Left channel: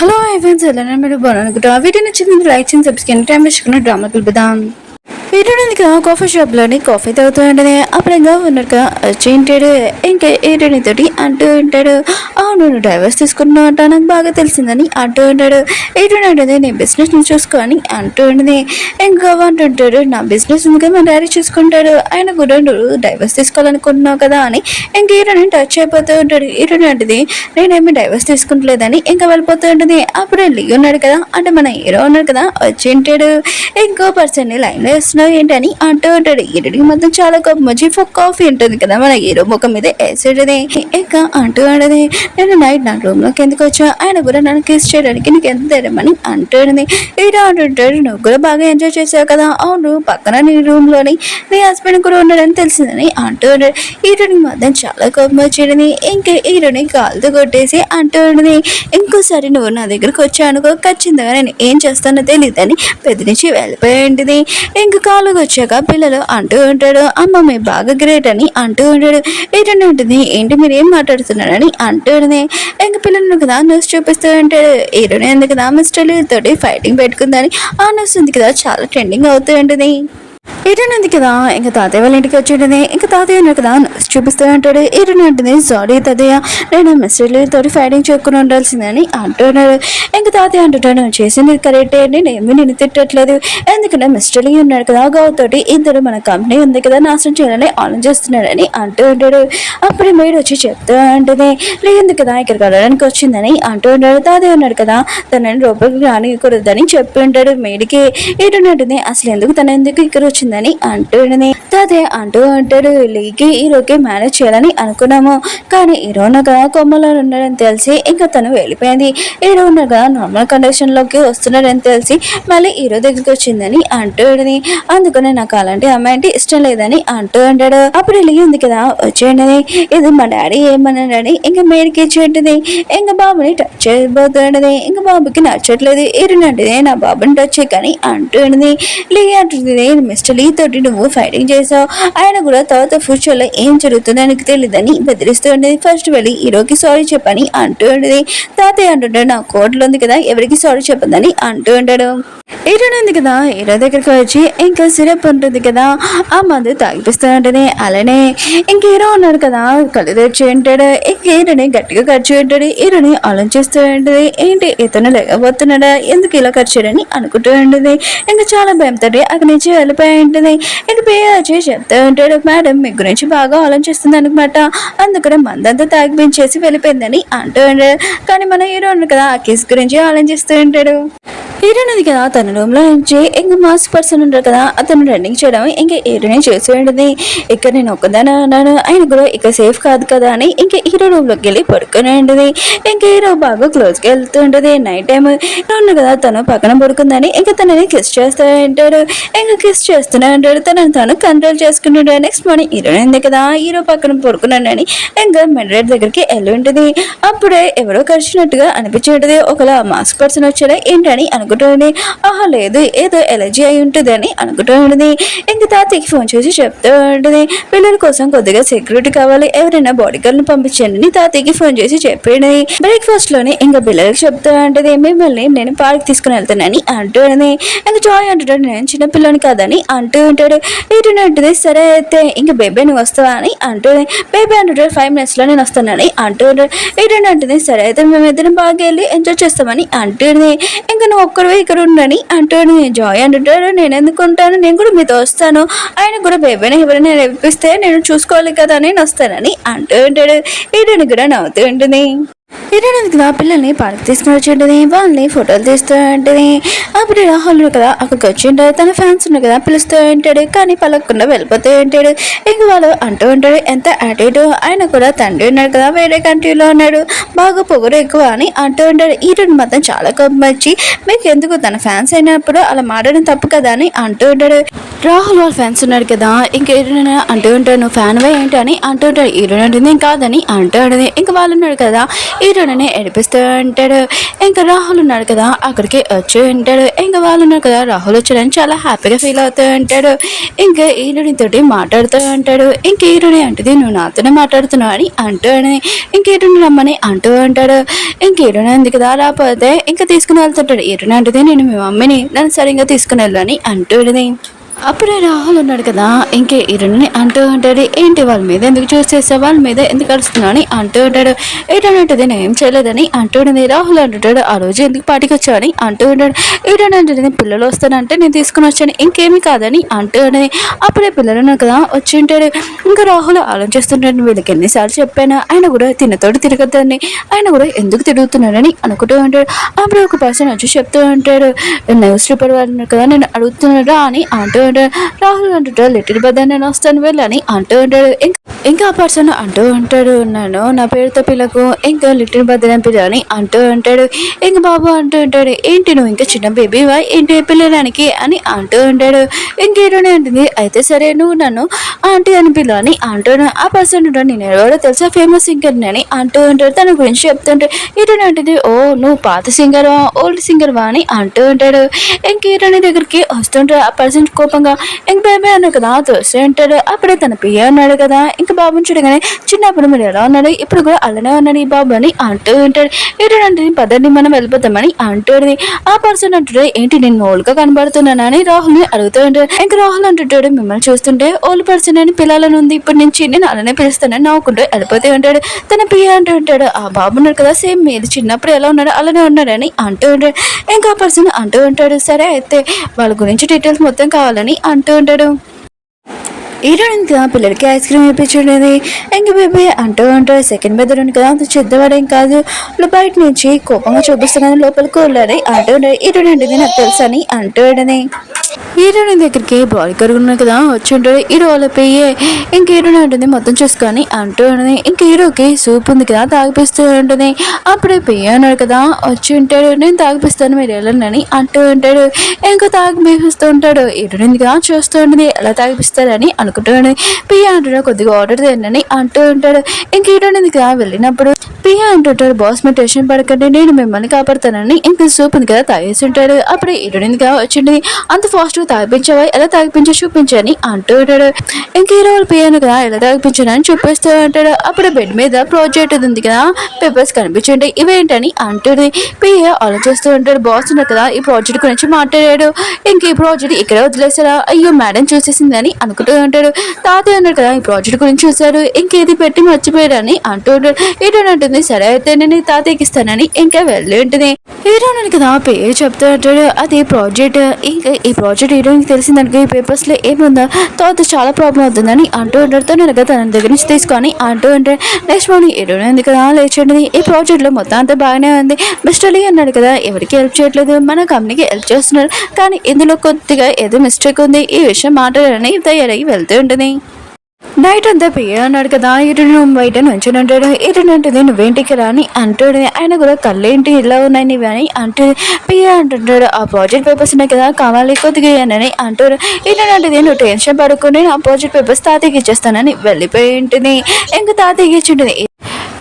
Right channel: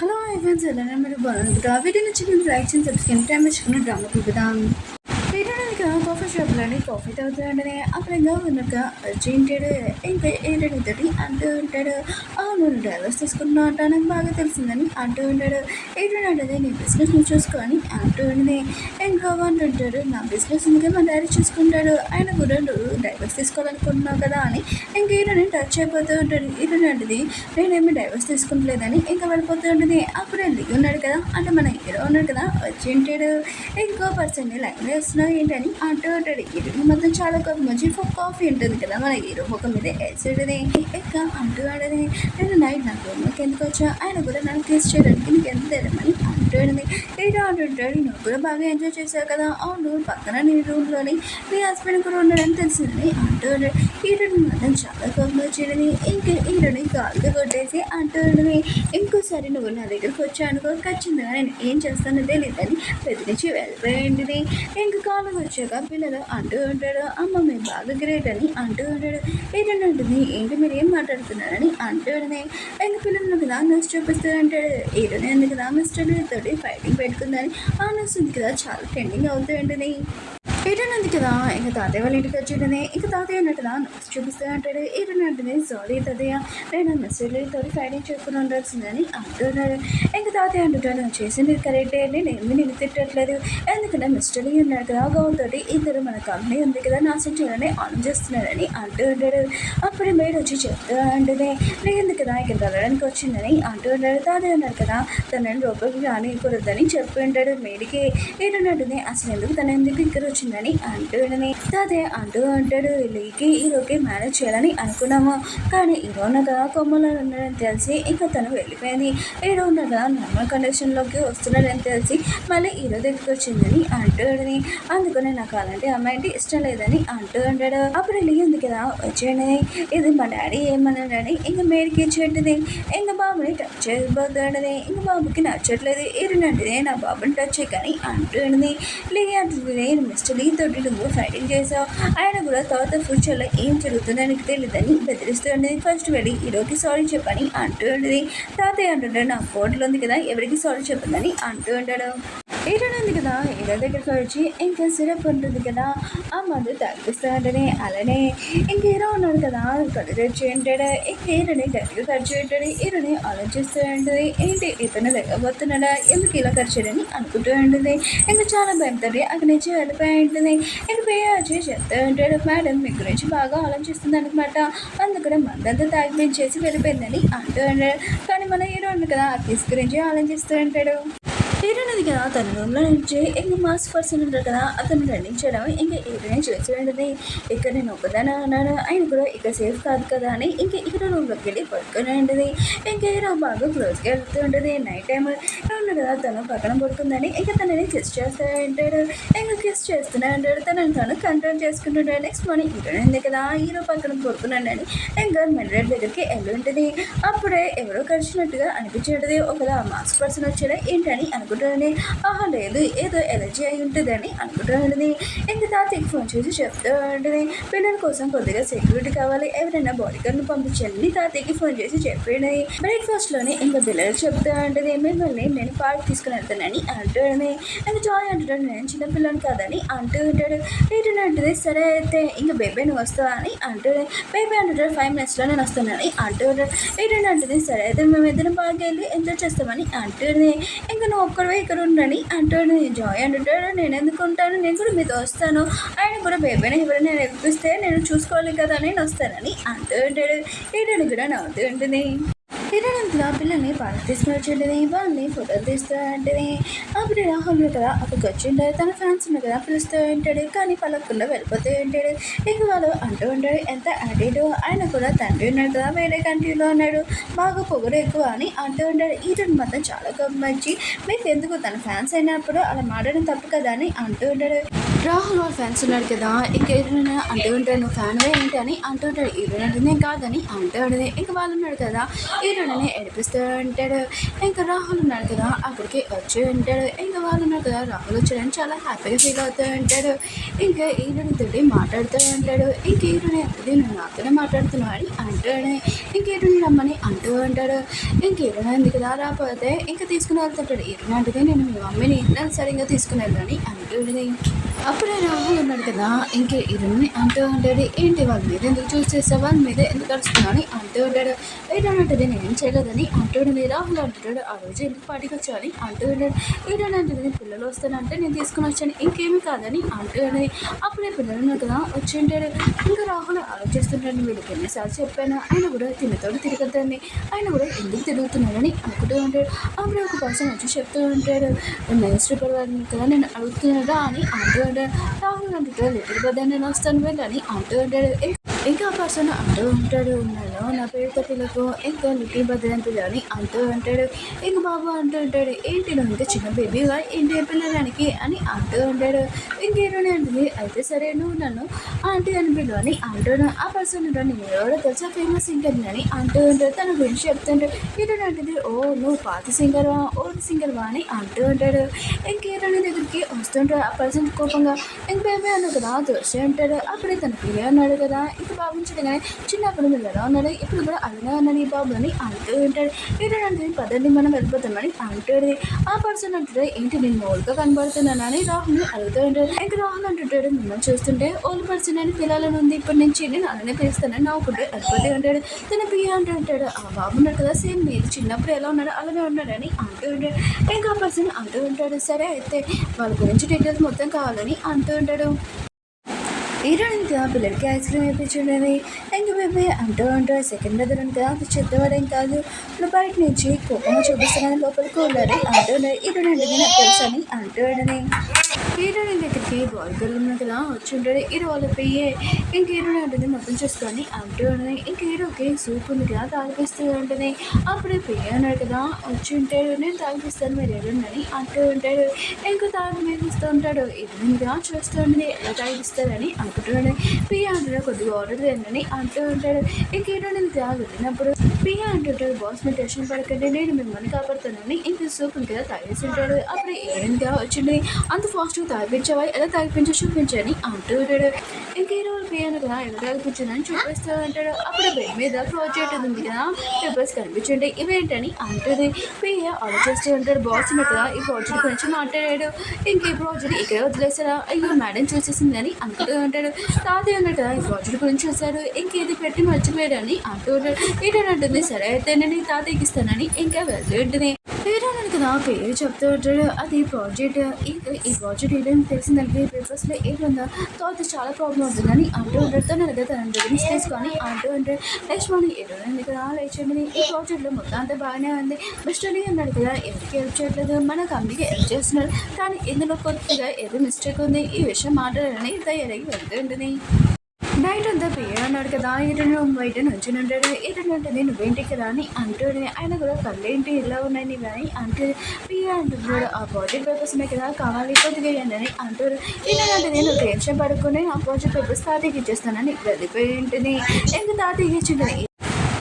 Hello Evans ఎలా మీరు బాగున్నాను వీడియో నచ్చింది లైక్ చేయండి సబ్స్క్రైబ్ టైం డ్రామా కలుపుదాం వీరుడిక కాఫీ షాప్లోని కాఫీ తాగుతూ ఉంటది. అప్పుడుగా ఉన్నట్టుగా వచ్చేంటాడు. ఇంకా ఏటనితోటి అంటూ ఉంటాడు, అవును నువ్వు డైవర్స్ తీసుకున్నావు అంట నాకు బాగా తెలిసిందని అంటూ ఉంటాడు. ఏటంటే నీ బిజినెస్ ని చూసుకొని అంటూ ఉంటుంది. ఇంకా అంటుంటాడు, నా బిజినెస్ ఇంకా మా డాడీ చూసుకుంటాడు, ఆయన కూడా నువ్వు డైవర్స్ తీసుకోవాలనుకుంటున్నావు కదా అని ఇంక ఈరోని టచ్ అయిపోతూ ఉంటాడు. ఈరోని అంటది, నేనేమి డైవర్స్ తీసుకుంటలేదని ఇంకా వెళ్ళిపోతూ ఉంటుంది. అప్పుడు లీ ఉన్నాడు కదా, అంటే మన హీరో ఉన్నాడు కదా వచ్చేంటాడు. ఇంకో పర్సన్ ని లైన్ లో వేస్తున్నావు ఏంటని అంటూ ఉంటాడు. ఈరుడికి మొత్తం చాలా కోపం వచ్చి కాఫీ ఉంటుంది కదా మన హీరో ముఖం మీద వేసేటది. ఇంకా అంటూ ఆడది, నేను నైట్ నా రూమ్ లోకి ఎందుకు వచ్చా, ఆయన కూడా నన్ను కిస్ చేయడానికి నీకు ఎంత ధైర్యమని అంటుంది. ఈడో అంటుంటాడు, నువ్వు కూడా బాగా ఎంజాయ్ చేసావు కదా, అవును పక్కన నీ రూమ్ లోని నీ హస్బెండ్ కూడా ఉన్నాడని తెలిసిందని అంటూ ఉంటాడు. ఈరుడికి మొత్తం చాలా కోపం వచ్చేది. ఇంకా ఈరుని కాలుతో కొట్టేసి అంటూ ఉంటుంది, ఇంకోసారి నువ్వు నా దగ్గరకు వచ్చానుకో ఖచ్చితంగా నేను ఏం చేస్తానో తెలియదని బెదిరించి వెళ్ళిపోయింది. ఇంకా కాలుగా వచ్చాక పిల్లలు అంటూ ఉంటాడు, అమ్మ మీ బాగా గ్రేట్ అని అంటూ ఉంటాడు. ఏంటంటే ఉంటుంది, ఏంటి మీరు ఏం మాట్లాడుతున్నారని అంటూ ఉంటుంది. ఇంకా పిల్లలు కదా న్యూస్ చూపిస్తూ ఉంటాడు. ఈరోజు ఎందుకు కదా మిస్టర్ తోటి ఫైటింగ్ పెట్టుకుందని ఆ న్యూస్ ఉంది కదా చాలా ట్రెండింగ్ అవుతూ ఉంటుంది. ఈరునంది కదా ఇంకా తాతయ్య వాళ్ళ ఇంటికి వచ్చేటది. ఇంకా తాతయ్య ఉన్నారు కదా చూపిస్తూ ఉంటాడు. ఈరుని అంటుంది, సారీ తాతయ్య నేను మిస్టర్లీ తోటి ఫైటింగ్ చెప్పుకుని ఉండాల్సిందని అంటున్నాడు. ఇంకా తాతయ్య అంటుంటాడు, నువ్వు చేసింది కరెక్టే అండి, నేనేమి నేను తిట్టట్లేదు, ఎందుకంటే మిస్టర్లీ ఉన్నాడు కదా గౌ తోటి ఇద్దరు మన కంపెనీ ఉంది కదా నాశనం చేయాలని ఆలోచిస్తున్నాడని అంటూ ఉంటాడు. అప్పుడు మేడు వచ్చి చెప్తూ ఉంటుంది, లేదు కదా ఇక్కడికి వెళ్ళడానికి వచ్చిందని అంటూ ఉంటాడు. తాతయ్య ఉన్నాడు కదా తనని లోపలికి రానికూడదని చెప్పి ఉంటాడు. మేడికి ఈరునంటుంది, అసలు ఎందుకు తన ఎందుకు ఇక్కడ వచ్చిందని అంటుంది. తాతయ్య అంటూ ఉంటాడు, లీకి హీరోకి మేనేజ్ చేయాలని అనుకున్నాము, కానీ హీరోనగా కొమ్మలో ఉన్నాడని తెలిసి ఇంకా తను వెళ్ళిపోయింది. హీరోనగా నార్మల్ కండిషన్ లోకి వస్తున్నాడని తెలిసి మళ్ళీ హీరో దగ్గరికి వచ్చిందని అంటుంది. అందుకనే నాకు అలాంటి అమ్మాయి అంటే ఇష్టం లేదని అంటూ ఉంటాడు. అప్పుడు లీ ఉంది కదా వచ్చేయండి, ఇది మా డాడీ ఏమన్నాడని ఇంకా మేడికి ఇచ్చేంటిది. ఇంకా బాబుని టచ్ చేయబోతుండది. ఇంకా బాబుకి నచ్చట్లేదు. హీరోనంటే నా బాబుని టచ్ చేయకని అంటుంది. లీ అంటుంది, మిస్టర్ లీ తోటి నువ్వు ఫైటింగ్ చేసావు, ఆయన కూడా తర్వాత ఫ్యూచర్ లో ఏం జరుగుతుందో నాకు తెలియదని బెదిరిస్తూ ఉండేది. ఫస్ట్ వెళ్ళి హీరోకి సారీ చెప్పని అంటూ ఉండేది. తాతయ్య అంటుంటాడు, నా కోర్టులో ఉంది కదా ఎవరికి సారీ చెప్పదని అంటూ ఉంటాడు. హీరో ఉంది కదా హీరో దగ్గరికి వచ్చి ఇంకా సిరప్ ఉంటుంది కదా ఆ మందు తాగిపిస్తూ ఉంటుంది. అలానే ఇంక హీరో ఉన్నాడు కదా కళ్ళు తెచ్చి ఉంటాడు. ఇంక హీరోని గట్టిగా ఖర్చు ఉంటాడు. హీరోని ఆలోచిస్తూ ఉంటుంది, ఏంటి ఇతను లేకపోతున్నాడా, ఎందుకు ఇలా ఖర్చుడని అనుకుంటూ ఉంటుంది. ఇంకా చాలా భయంతో అక్కడి నుంచి వెళ్ళిపోయి ఉంటుంది. ఇంక పేరు వచ్చి చెప్తూ ఉంటాడు, మేడం మీ గురించి బాగా ఆలోచిస్తుంది అనమాట, అందుకనే మందంతా తాగిపించేసి వెళ్ళిపోయిందని అంటూ ఉంటాడు. కానీ మన హీరో ఉన్నాడు కదా ఆ కేసు గురించి ఆలోచిస్తూ ఉంటాడు. హీరోనది కదా తన రూమ్ లో నుంచి ఇంకా మాస్క్ పర్సన్ ఉంటారు కదా అతను రన్నింగ్ చేయడం ఇంకా హీరోనే చేసి ఉండేది. ఇక్కడ నేను ఒక్కదానే ఉన్నాను, ఆయన కూడా ఇక సేఫ్ కాదు కదా అని ఇంకా హీరో రూమ్ లోకి వెళ్ళి పడుకుని ఉండేది. ఇంకా హీరో బాగా క్లోజ్ గా వెళ్తూ ఉంటుంది. నైట్ టైం ఉన్నా కదా తను పక్కన పడుకుందని ఇంకా తనని కిస్ చేస్తూ ఉంటాడు. ఇంకా కిస్ చేస్తూనే ఉంటాడు, తనని తను కంట్రోల్ చేసుకుంటాడు. నెక్స్ట్ మార్నింగ్ హీరోనే ఉంది కదా హీరో పక్కన పడుకున్నాడని ఇంకా మెడ్రేట్ దగ్గరికి వెళ్ళి ఉంటుంది. అప్పుడే ఎవరో కరిచినట్టుగా అనిపించేది. ఒకలా మాస్క్ పర్సన్ వచ్చాడా ఏంటని అనుకుంటుంది. ఆహా లేదు ఏదో ఎలర్జీ అయి ఉంటుంది అని అనుకుంటూ ఉంటుంది. ఇంక తాతయ్యకి ఫోన్ చేసి చెప్తూ ఉంటుంది, పిల్లల కోసం కొద్దిగా సెక్యూరిటీ కావాలి, ఎవరైనా బాడీ గార్డ్ ని పంపించండి అని తాతయ్యకి ఫోన్ చేసి చెప్పండి. బ్రేక్ఫాస్ట్ లోనే ఇంకా పిల్లలకి చెప్తూ ఉంటుంది, మిమ్మల్ని నేను పార్క్ తీసుకుని వెళ్తానని అంటూ ఉంటుంది. ఇంకా జాయ్ అంటుంటాడు, నేను చిన్న పిల్లని కాదని అంటూ ఉంటాడు. ఏంటంటే ఉంటుంది, సరే అయితే ఇంకా బేబీ నువ్వు వస్తావా అని అంటుంది. బేబీ అంటుంటాడు 5 minutes లో నేను వస్తానని అంటూ ఉంటాడు. ఏంటంటే ఉంటుంది, సరే అయితే మేమిద్దరం బాగా వెళ్ళి ఎంజాయ్ చేస్తామని అంటుంది. ఇంకా నువ్వు ఒక్కరు ఇక్కడ ఉండని అంటాడు. జాయ్ అంటుంటాడు, నేను ఎందుకు ఉంటాను, నేను కూడా మీతో వస్తాను, ఆయన కూడా బేబీని ఎవరైనా రేపిస్తే నేను చూసుకోవాలి కదా నేను వస్తానని అంటూ ఉంటాడు. ఈడని కూడా నవ్వుతూ ఉంటుంది. హీరోయిన్ కదా పిల్లల్ని పార్క్ తీసుకుని వచ్చి ఉంటుంది. వాళ్ళని ఫోటోలు తీస్తూ ఉంటుంది. అప్పుడు రాహుల్ కదా అక్కడికి వచ్చి ఉంటాడు. తన ఫ్యాన్స్ ఉన్నారు కదా పిలుస్తూ ఉంటాడు, కానీ పలకకుండా వెళ్ళిపోతూ ఉంటాడు. ఇంక వాళ్ళు అంటూ ఉంటాడు, ఎంత యాటిట్యూడ్, ఆయన కూడా తండ్రి ఉన్నాడు కదా వేరే కంట్రీలో ఉన్నాడు, బాగా పొగరు ఎక్కువ అని అంటూ ఉంటాడు. హీరోయిన్ మాత్రం చాలా కోపం వచ్చి, మీకు ఎందుకు తన ఫ్యాన్స్ అయినప్పుడు అలా మాట్లాడడం తప్పు కదా అని అంటూ ఉంటాడు. రాహుల్ వాళ్ళ ఫ్యాన్స్ ఉన్నారు కదా, ఇంకా హీరోయిన్ అంటూ ఉంటాడు నువ్వు ఫ్యాన్ వే ఏంటి అని అంటూ ఉంటాడు. హీరోయిన్ అంటుంది కాదని అంటూ ఉంటుంది. ఇంకా వాళ్ళు ఉన్నాడు కదా, హీరోయిన్ ఏడిపిస్తూ ఉంటాడు. ఇంకా రాహుల్ ఉన్నాడు కదా, అక్కడికి వచ్చి ఉంటాడు. ఇంకా వాళ్ళు ఉన్నారు కదా, రాహుల్ వచ్చాడని చాలా హ్యాపీగా ఫీల్ అవుతూ ఉంటాడు. ఇంకా హీరోయిన్ తోటి మాట్లాడుతూ ఉంటాడు. ఇంక హీరోయిన్ అంటుంది నువ్వు నాతోనే మాట్లాడుతున్నావు అని అంటూ ఇంక హీరోయిన్ రమ్మని అంటూ ఉంటాడు. ఇంక హీరోయిన్ ఉంది కదా, రాకపోతే ఇంకా తీసుకుని వెళ్తుంటాడు. హీరోయిన్ అంటుంది నేను మీ మమ్మీని నన్ను సరిగ్గా తీసుకుని వెళ్ళని అంటూ అప్పుడే రాహుల్ ఉన్నాడు కదా, ఇంకే హీరోని అంటూ ఉంటాడు ఏంటి వాళ్ళ మీద ఎందుకు చూస్ చేసావు, వాళ్ళ మీద ఎందుకు కలుస్తున్నావు అని అంటూ ఉంటాడు. హీరోయిన్ అంటుంది నేను ఏం చేయలేదని అంటూ ఉంటుంది. రాహుల్ అంటుంటాడు ఆ రోజు ఎందుకు పార్టీకి వచ్చావని అంటూ ఉంటాడు. హీరోయిన్ అంటుంది పిల్లలు వస్తానంటే నేను తీసుకుని వచ్చాను ఇంకేమీ కాదని అంటూ ఉంటుంది. అప్పుడే పిల్లలు ఉన్నారు కదా వచ్చి ఉంటాడు. ఇంకా రాహుల్ ఆలోచిస్తుంటాడు వీళ్ళకి ఎన్నిసార్లు చెప్పాను ఆయన కూడా తినతోడు తిరగద్దని, ఆయన కూడా ఎందుకు తిరుగుతున్నాడని అనుకుంటూ ఉంటాడు. అప్పుడు ఒక పర్సన్ వచ్చి చెప్తూ ఉంటాడు న్యూస్ పేపర్ వాళ్ళు కదా నేను అడుగుతున్నాడా అని అంటూ రాహుల్ అంటుంటాడు లిటిల్ బ్రదర్ నేను వస్తాను వెళ్ళని అంటూ ఉంటాడు. ఇంకా ఆ పర్సన్ అంటూ ఉంటాడు నన్ను నా పేరుతో పిల్లకు ఇంకా లిటిల్ బ్రదర్ అని పిల్లని అంటూ ఉంటాడు. ఇంక బాబు అంటూ ఉంటాడు ఏంటి నువ్వు ఇంకా చిన్న బేబీవా ఏంటి పిల్లడానికి అని అంటూ ఉంటాడు. ఇంకేటోనే ఉంటుంది అయితే సరే నువ్వు నన్ను ఆంటీ అని పిల్లని అంటాడు. ఆ పర్సన్ ఉంటాడు నేను ఎవరో తెలుసా ఫేమస్ సింగర్ అని అంటూ ఉంటాడు. తన గురించి చెప్తుంటాడు. ఇటోనే ఉంటుంది ఓ నువ్వు పాత సింగర్ వా ఓల్డ్ సింగర్ వా అని అంటూ ఉంటాడు. ఇంకేటోనే దగ్గరికి వస్తుంటాడు. ఆ పర్సన్ కోపంగా ఇంక బేబీ అన్నాడు కదా దోస్తే ఉంటాడు. అప్పుడే తన పియ్య అన్నాడు కదా ఇంకా బాబుని చూడగానే చిన్నప్పుడు మీరు ఎలా ఉన్నాడు ఇప్పుడు కూడా అలానే ఉన్నాడు ఈ బాబు అని అంటూ ఉంటాడు. ఏంటంటే పదండి మనం వెళ్ళిపోతామని అంటుంది. ఆ పర్సన్ అంటాడు ఏంటి నేను ఓల్డ్గా కనబడుతున్నానని రాహుల్ని అడుగుతూ ఉంటాడు. ఇంకా రాహుల్ అంటుంటాడు మిమ్మల్ని చూస్తుంటే ఓల్డ్ పర్సన్ అని పిల్లలను ఉంది ఇప్పటి నుంచి నేను అలానే పిలుస్తానని నవ్వుకుంటూ వెళ్ళిపోతూ ఉంటాడు. తన పియ్య అంటూ ఉంటాడు ఆ బాబు ఉన్నాడు కదా సేమ్ మీరు చిన్నప్పుడు ఎలా ఉన్నాడు అలానే ఉన్నాడని అంటూ ఉంటాడు. ఇంకా ఆ పర్సన్ అంటూ ఉంటాడు సరే అయితే వాళ్ళ గురించి డీటెయిల్స్ మొత్తం కావాలని అంటూ ఉంటాడు. హీరోయిన్ కదా పిల్లలకి ఐస్ క్రీమ్ వేయించుండేది. ఇంక బేబీ అంటూ ఉంటాడు సెకండ్ బెదర్ కదా అంత చెద్దవాడేం కాదు బయట నుంచి కోపంగా చూపిస్తున్నాను లోపలికి వెళ్ళారు అంటూ ఉంటాడు. హీరోయిన్ అంటే నాకు తెలుసు అని అంటూ ఉండని హీరోయిన్ దగ్గరికి బాడీ కరుగున్నాడు కదా వచ్చి ఉంటాడు. హీరో వాళ్ళ పెయ్యే ఇంక హీరోయిన్ ఉంటుంది మొత్తం చూసుకొని అంటూ ఉంటుంది. ఇంక హీరోకి సూప్ ఉంది కదా తాగిపిస్తూ ఉంటుంది. అప్పుడే పెయ్య అన్నాడు కదా వచ్చి ఉంటాడు నేను తాగిపిస్తాను మీరు వెళ్ళండి అంటూ ఉంటాడు. ఇంకా తాగిపిస్తూ ఉంటాడు. హీరోయిన్ కదా చూస్తూ ఉంటుంది ఎలా తాగిపిస్తారని అనుకుంటూ ఉంటుంది. పెయ్య అంటాడు కొద్దిగా ఆర్డర్ తినని అంటూ ఉంటాడు. ఇంక హీరోయిన్ కదా వెళ్ళినప్పుడు పియ్య అంటుంటాడు బాస్ మీరు టెన్షన్ పడకండి నేను మిమ్మల్ని కాపాడుతానని ఇంక సూప్ ఉంది కదా తాగేసి ఉంటాడు. అప్పుడే హీరోయిన్ గా వచ్చింది అంత ఫాస్ట్గా తాగిపించావా ఎలా తాగిపించా చూపించని అంటూ ఉంటాడు. ఇంక హీరో వాళ్ళు పియ్యను కదా ఎలా తాగిపించానని చూపిస్తూ ఉంటాడు. అప్పుడు బెడ్ మీద ప్రాజెక్ట్ ఉంది కదా పేపర్స్ కనిపించండి ఇవేంటని అంటుంది. పియ్య ఆలోచిస్తూ ఉంటాడు బాస్ ఉన్నారు కదా ఈ ప్రాజెక్ట్ గురించి మాట్లాడాడు ఇంక ఈ ప్రాజెక్ట్ ఇక్కడ వదిలేసారా అయ్యో మేడం చూసేసిందని అనుకుంటూ ఉంటాడు. తాతయ్య ఉన్నాడు కదా ఈ ప్రాజెక్ట్ గురించి చూశారు ఇంకేది పెట్టి మర్చిపోయారని అంటూ ఉంటాడు. హీరోయిన్ అంటుంది సరే అయితే నేను తాతయ్యకి ఇస్తానని ఇంకా వెళ్ళి ఉంటుంది. హీరోయిన్ కదా పేరు చెప్తూ ఉంటాడు అది ప్రాజెక్ట్ ఇంకా ఈ ప్రాజెక్ట్ హీరోయిన్కి తెలిసిందనుకో ఈ పేపర్స్లో ఏముందా తర్వాత చాలా ప్రాబ్లం అవుతుందని అంటూ ఉంటాడు. తన తన దగ్గర నుంచి తీసుకొని అంటూ ఉంటాడు. నెక్స్ట్ మార్నింగ్ హీరోయిన్ ఉంది కదా లేచండి ఈ ప్రాజెక్ట్లో మొత్తం అంతా బాగానే ఉంది మిస్టర్ లీ అన్నాడు కదా ఎవరికి హెల్ప్ చేయట్లేదు మన కంపెనీకి హెల్ప్ చేస్తున్నారు కానీ ఇందులో కొద్దిగా ఏదో మిస్టేక్ ఉంది ఈ విషయం మాట్లాడాలని తయారై వెళ్తూ ఉంటుంది. నైట్ అంతా పియ్య అన్నాడు కదా ఇటు బయట నుంచి ఉంటాడు. ఇటు ఉంటుంది నువ్వేంటికి రాని అంటాడు. ఆయన కూడా కళ్ళేంటి ఇలా ఉన్నాయి నీవి అని అంటూ పియ్య అంటుంటాడు ఆ ప్రాజెక్ట్ పేపర్స్ ఉన్నాయి కదా కావాలి కొద్దిగా అని అంటాడు. ఇటంటే నువ్వు టెన్షన్ పడుకుని ఆ ప్రాజెక్ట్ పేపర్స్ తాతయ్యకి ఇచ్చేస్తానని వెళ్ళిపోయి ఉంటుంది. ఇంకా తాతయ్యకి ఇచ్చి ఉంటుంది.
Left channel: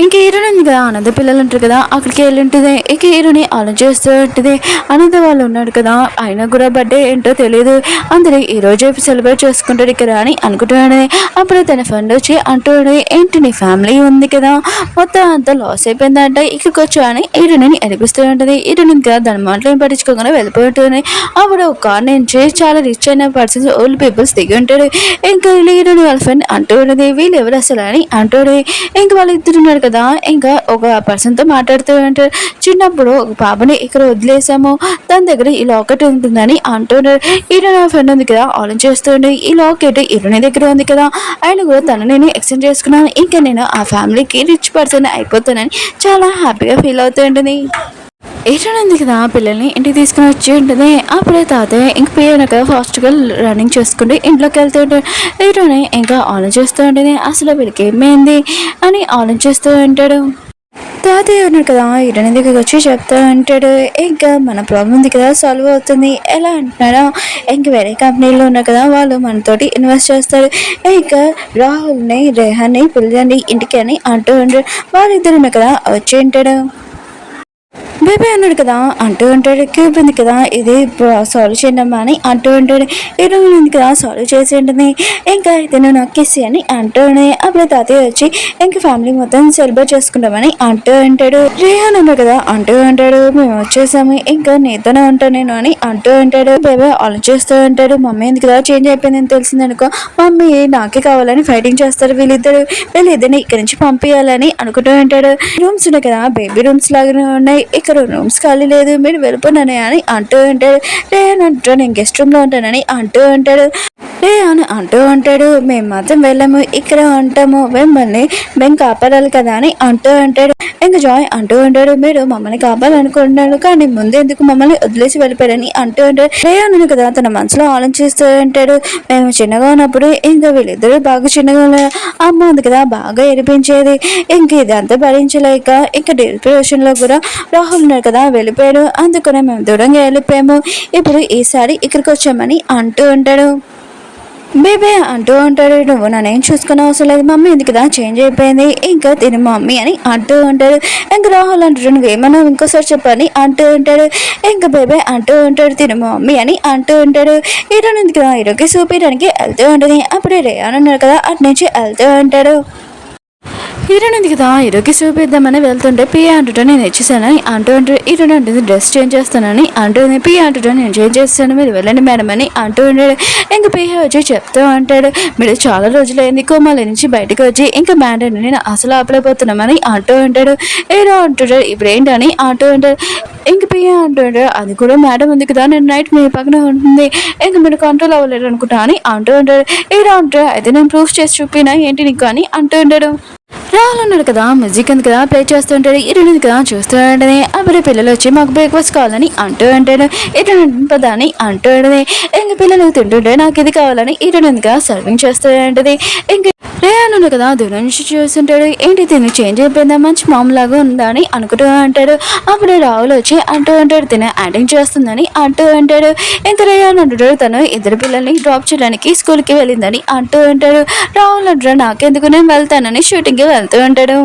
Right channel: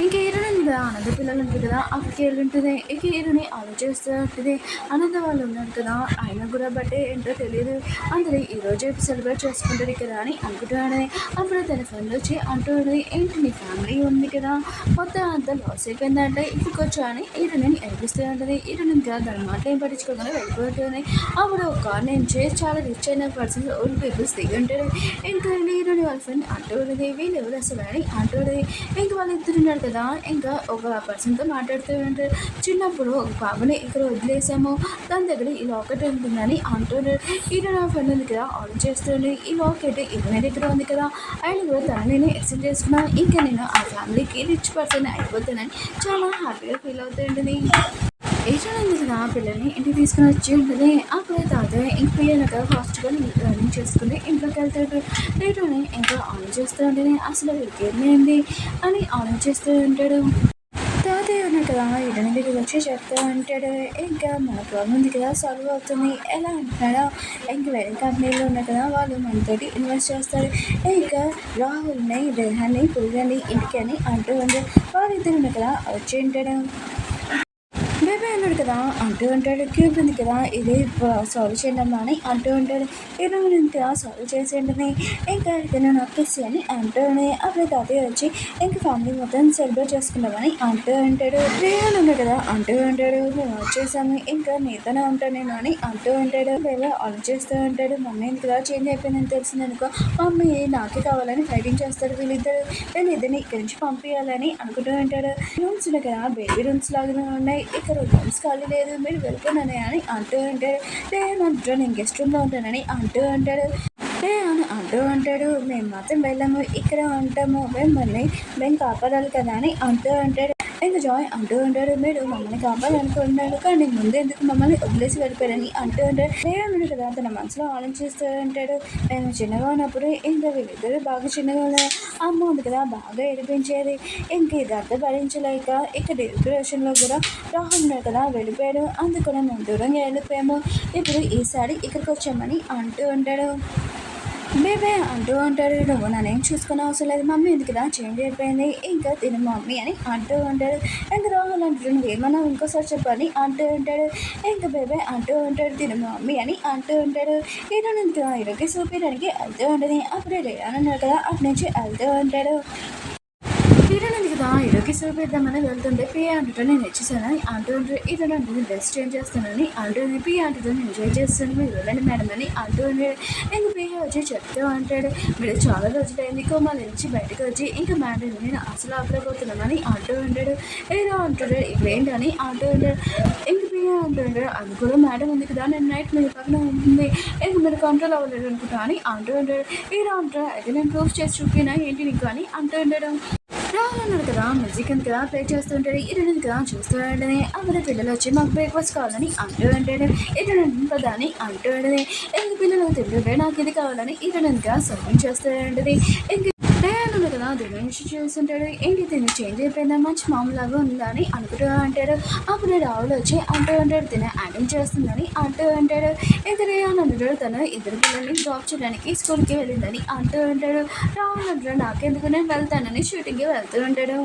ఇంక హీరోని ఉంది కదా ఆనంద పిల్లలు ఉంటారు కదా అక్కడికి వెళ్ళి ఉంటుంది. ఇంక హీరోని ఆలోచిస్తూ ఉంటుంది ఆనంద వాళ్ళు ఉన్నాడు కదా ఆయన కూడా బర్త్డే ఏంటో తెలియదు అందరూ ఈరోజు సెలబ్రేట్ చేసుకుంటాడు ఇక్కడ అని అనుకుంటున్నాడు. అప్పుడు తన ఫ్రెండ్ వచ్చి అంటాడు ఏంటి నీ ఫ్యామిలీ ఉంది కదా మొత్తం అంతా లాస్ అయిపోయిందంట ఇక్కడికి వచ్చా అని హీరోని అనిపిస్తూ ఉంటుంది. హీరోని కదా దాని మాటలు ఏం పట్టించుకోకుండా వెళ్ళిపోతుంది. అప్పుడు ఒక కార్ నుంచి చాలా రిచ్ అయిన పర్సన్స్ ఓల్డ్ పీపుల్స్ దిగి ఉంటాడు. ఇంకా హీరోని వాళ్ళ ఫ్రెండ్ అంటూ ఉంటుంది వీళ్ళు ఎవరు అసలు అని అంటాడు. ఇంకా వాళ్ళు ఇద్దరు ఉన్నారు కదా ఇంకా ఒక పర్సన్తో మాట్లాడుతూ ఉంటారు. చిన్నప్పుడు ఒక పాపని ఇక్కడ వదిలేసాము దాని దగ్గర ఈ లాకెట్ ఉంటుందని అంటున్నారు. హీరోని ఫ్రెండ్ ఉంది కదా ఆలోచిస్తుండే ఈ లాకెట్ హీరోని దగ్గర ఉంది కదా ఆయన కూడా తను నేను ఎక్స్చేంజ్ చేసుకున్నాను ఇంకా నేను ఆ ఫ్యామిలీకి రిచ్ పర్సన్ అయిపోతానని చాలా హ్యాపీగా ఫీల్ అవుతూ ఉంటుంది. హీరోయిన్ ఉంది కదా పిల్లల్ని ఇంటికి తీసుకుని వచ్చి ఉంటుంది. అప్పుడే తాతయ్య ఇంక పియ్యను కదా ఫాస్ట్గా రన్నింగ్ చేసుకుంటూ ఇంట్లోకి వెళ్తూ ఉంటాడు. హీరోయిన్ ఇంకా ఆలోచిస్తూ ఉంటుంది అసలు వీళ్ళకి ఏమైంది అని ఆలోచిస్తూ ఉంటాడు. తాతయ్య ఉన్నాడు కదా ఇటని దగ్గరికి వచ్చి చెప్తా అంటాడు. ఇంకా మన ప్రాబ్లం ఉంది కదా సాల్వ్ అవుతుంది ఎలా అంటున్నారా, ఇంక వేరే కంపెనీలో ఉన్నారు కదా వాళ్ళు మనతోటి ఇన్వెస్ట్ చేస్తారు. ఇంకా రాహుల్ని రేహాన్ని పిల్లలని ఇంటికి అని అంటూ ఉంటాడు. వాళ్ళిద్దరు ఉన్నారు కదా వచ్చి ఉంటాడు. బేబీ అన్నాడు కదా అంటూ ఉంటాడు. క్యూబ్ ఉంది కదా ఇది సాల్వ్ చేయండి అమ్మా అని అంటూ ఉంటాడు. ఈరోజు ఉంది కదా సాల్వ్ చేసి ఉంటుంది. ఇంకా ఇతను నాకు కిస్ అని అంటూ ఉన్నాయి. అప్పుడు తాతయ్య వచ్చి ఇంకా ఫ్యామిలీ మొత్తం సెలబ్రేట్ చేసుకుంటామని అంటూ ఉంటాడు. రేహాన్ అన్నాడు కదా అంటూ ఉంటాడు. మేము వచ్చేసాము ఇంకా నీతోనే ఉంటాను నేను అని అంటూ ఉంటాడు. బేబీ ఆలోచిస్తూ ఉంటాడు. మమ్మీ ఎందుకు కదా చేంజ్ అయిపోయిందని తెలిసింది అనుకో, మమ్మీ నాకే కావాలని ఫైటింగ్ చేస్తారు వీళ్ళిద్దరిని ఇక్కడి నుంచి పంపించాలని అనుకుంటూ ఉంటాడు. రూమ్స్ ఉన్నాయి కదా బేబీ రూమ్స్ లాగానే ఉన్నాయి, ఇక్కడ రూమ్స్ ఖాళీ లేదు మీరు వెళ్ళిపోయినానే అని అంటూ ఉంటాడు. రేహాన్ అంటాడు నేను గెస్ట్ రూమ్ లో ఉంటానని అంటూ ఉంటాడు. రేహాన్ అంటూ ఉంటాడు మేము మాత్రం వెళ్ళాము ఇక్కడ ఉంటాము మేము కాపాడాలి కదా అని అంటూ ఉంటాడు. ఇంకా జాయ్ అంటూ ఉంటాడు మీరు మమ్మల్ని కాపాడాలనుకుంటున్నాడు కానీ ముందు ఎందుకు మమ్మల్ని వదిలేసి వెళ్ళిపోయారని అంటూ ఉంటాడు. రేహాన్ కదా తన మనసులో ఆలోచిస్తూ ఉంటాడు. మేము చిన్నగా ఉన్నప్పుడు ఇంకా వీళ్ళిద్దరూ బాగా చిన్నగా ఉన్నారు, అమ్మ ఉంది కదా బాగా ఏడిపించేది, ఇంక ఇదంతా భరించలేక ఇంకా డిప్రెషన్ లో కూడా రాహుల్ ఉన్నారు కదా వెళ్ళిపోయాడు, అందుకనే మేము దూరంగా వెళ్ళిపోయాము, ఇప్పుడు ఈసారి ఇక్కడికి వచ్చామని అంటూ ఉంటాడు. బేబీ అంటూ ఉంటాడు నువ్వు నన్నేం చూసుకునే అవసరం లేదు మమ్మీ ఎందుకు కదా చేంజ్ అయిపోయింది ఇంకా తిని మమ్మీ అని అంటూ ఉంటాడు. ఇంకా రాహుల్ అంటాడు నువ్వేమన్నా ఇంకోసారి చెప్పని అంటూ ఉంటాడు. ఇంకా బేబీ అంటూ ఉంటాడు తిని మమ్మీ అని అంటూ ఉంటాడు. ఈరోజు ఎందుకు కదా ఈరోజు చూపించడానికి వెళ్తూ ఉంటుంది. అప్పుడే రేయాన్ ఉన్నారు కదా అటు నుంచి వెళ్తూ ఉంటాడు. హీరోయిన్ ఉంది కదా హీరోకి చూపిద్దామని వెళ్తుంటే పిఏ అంటుంటే నేను ఇచ్చేసానని అంటూ ఉంటాడు. హీరోయిన్ అంటుంది డ్రెస్ చేంజ్ చేస్తానని అంటుంది. పిఏ అంటుంటే నేను చేంజ్ చేస్తాను మీరు వెళ్ళండి మేడం అని అంటూ ఉంటాడు. ఇంకా పిఏ వచ్చి చెప్తూ ఉంటాడు మీరు చాలా రోజులైంది కోమాల నుంచి బయటకు వచ్చి ఇంకా మ్యాడమ్ నేను అసలు ఆపలేకపోతున్నామని అంటూ ఉంటాడు. హీరో అంటుంటాడు ఇప్పుడు ఏంటని అంటూ ఉంటాడు. ఇంక పిఏ అంటుంటాడు అది కూడా మేడం ఉంది కదా నేను నైట్ మీ పక్కన ఉంటుంది ఇంకా మీరు కంట్రోల్ అవ్వలేరు అనుకుంటా అని అంటూ ఉంటాడు. హీరో అంటాడు అయితే నేను ప్రూఫ్ చేసి చూపినా ఏంటి నీకు అని అంటూ ఉంటాడు. రాహుల్ అన్నాడు కదా మ్యూజిక్ ఉంది కదా ప్లే చేస్తుంటాడు. ఇరుడు కదా చూస్తూ ఉంటుంది. అప్పుడు పిల్లలు వచ్చి మాకు బ్రేక్ఫాస్ట్ కావాలని అంటూ ఉంటాడు. ఇటు పదాన్ని అంటూ ఉంటుంది. ఇంక పిల్లలు తింటుంటే నాకు ఇది కావాలని ఇరుడు సర్వింగ్ చేస్తూ ఉంటుంది. ఇంక రేయాన్ ఉన్నాడు కదా దూరం నుంచి చూస్తుంటాడు. ఏంటి తిని చేంజ్ అయిపోయిందా మంచి మామూలాగా ఉందా అని అనుకుంటూ అంటాడు. అప్పుడు రాహుల్ వచ్చి అంటూ ఉంటాడు తిన యాక్టింగ్ చేస్తుందని అంటూ ఉంటాడు. ఇంత రేయాన్ అంటాడు తను ఇద్దరు పిల్లల్ని డ్రాప్ చేయడానికి స్కూల్కి వెళ్ళిందని అంటూ ఉంటాడు. రాహుల్ అంటాడు నాకెందుకు నేను వెళ్తానని షూటింగ్కి వెళ్తూ ఉంటాడు.